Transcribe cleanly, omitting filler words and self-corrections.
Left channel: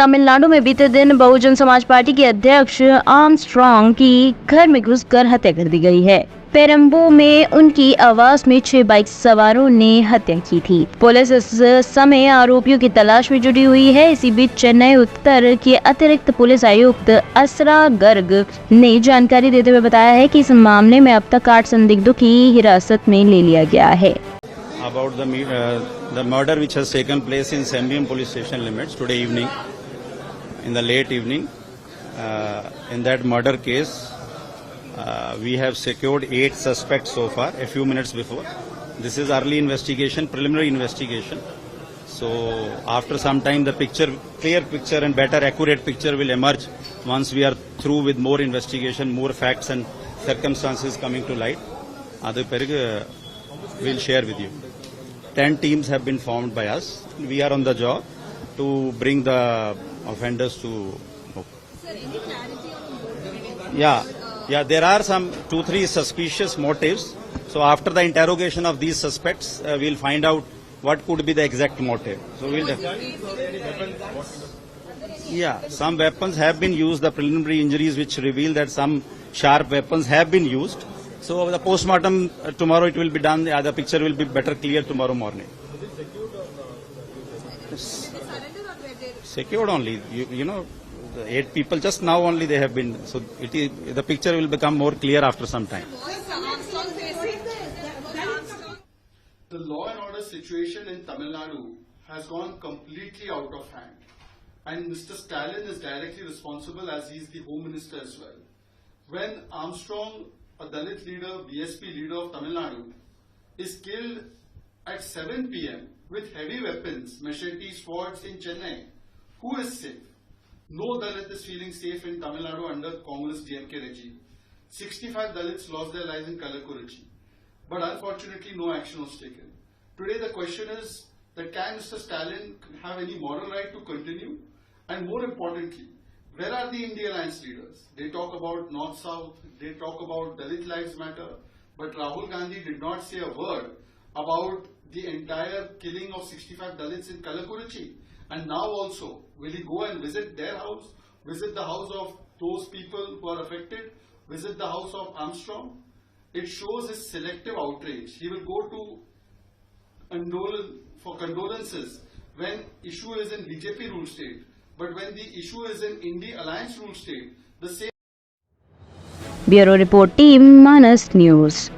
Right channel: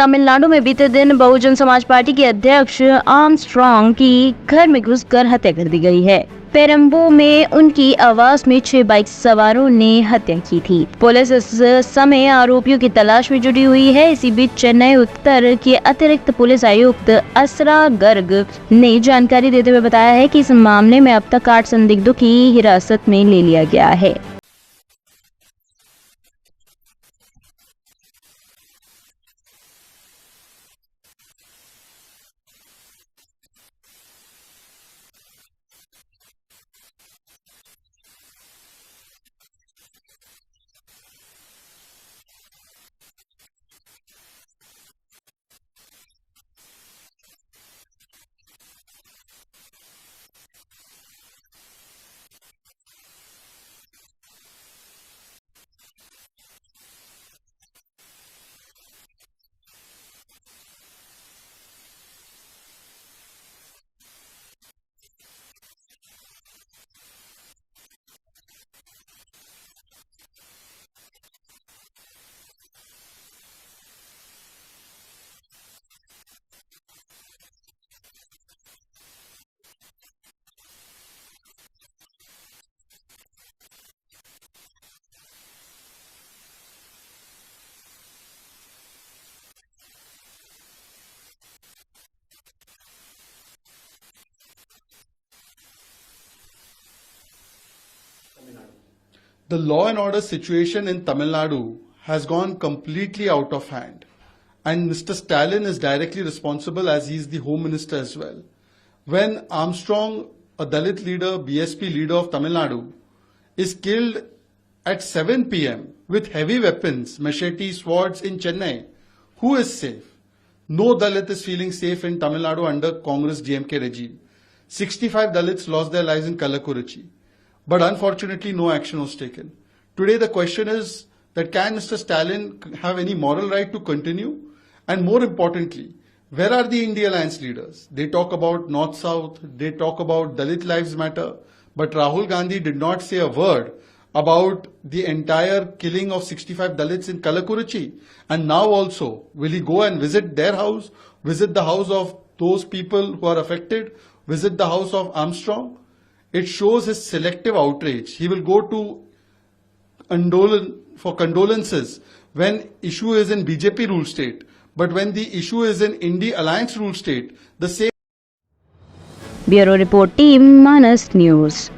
तमिलनाडु में बीते दिन बहुजन समाज पार्टी के अध्यक्ष आर्मस्ट्रांग की घर में घुसकर हत्या कर दी गई है। पेरम्बू में उनकी आवास में 6 बाइक सवारों ने हत्या की थी। पुलिस इस समय आरोपियों की तलाश में जुटी हुई है। इसी बीच चेन्नई उत्तर के अतिरिक्त पुलिस आयुक्त असरा गर्ग ने जानकारी देते हुए बताया है कि इस मामले में अब तक 8 संदिग्धों की हिरासत में ले लिया गया है। The murder which has taken place in Sembium police station limits today evening, in the late evening, in that murder case, we have secured 8 suspects so far, a few minutes before. This is early investigation, preliminary investigation. So after some time the clear picture and better accurate picture will emerge once we are through with more investigation, more facts and circumstances coming to light. We'll share with you. 10 teams have been formed by us. We are on the job to bring the offenders to book. Sir, any clarity on Yeah, there are some 2-3 suspicious motives. So after the interrogation of these suspects, we'll find out what could be the exact motive. So we'll some weapons have been used. The preliminary injuries which reveal that some sharp weapons have been used. So the postmortem tomorrow it will be done. The picture will be better clear tomorrow morning. Secured only. You know, the 8 people just now only they have been. So the picture will become more clear after some time. The law and order situation in Tamil Nadu has gone completely out of hand. And Mr. Stalin is directly responsible as he is the Home Minister as well. When Armstrong, a Dalit leader, BSP leader of Tamil Nadu, is killed at 7 p.m. with heavy weapons, machetes, swords in Chennai, who is safe? No Dalit is feeling safe in Tamil Nadu under Congress DMK regime. 65 Dalits lost their lives in Kallakurichi. But unfortunately, no action was taken. Today, the question is that can Mr. Stalin have any moral right to continue? And more importantly, where are the India Alliance leaders? They talk about North-South, they talk about Dalit Lives Matter, but Rahul Gandhi did not say a word about the entire killing of 65 Dalits in Kallakurichi. And now also, will he go and visit their house, visit the house of those people who are affected, visit the house of Armstrong? It shows his selective outrage. He will go to for condolences when issue is in BJP ruled state. But when the issue is in India Alliance ruled state, the same. Bureau Report Team, Manas News.